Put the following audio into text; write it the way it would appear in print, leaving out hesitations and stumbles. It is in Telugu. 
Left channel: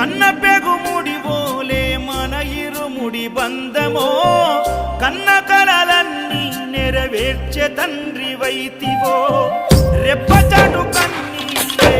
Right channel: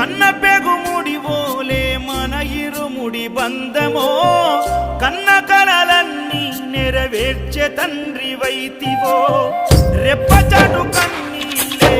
కన్న పెగుముడి ఓలే మన ఇరుముడి బంధమో కన్న కలలన్నీ నెరవేర్చే తండ్రి వైతివో రెప్పచాటు కన్నీళ్ళే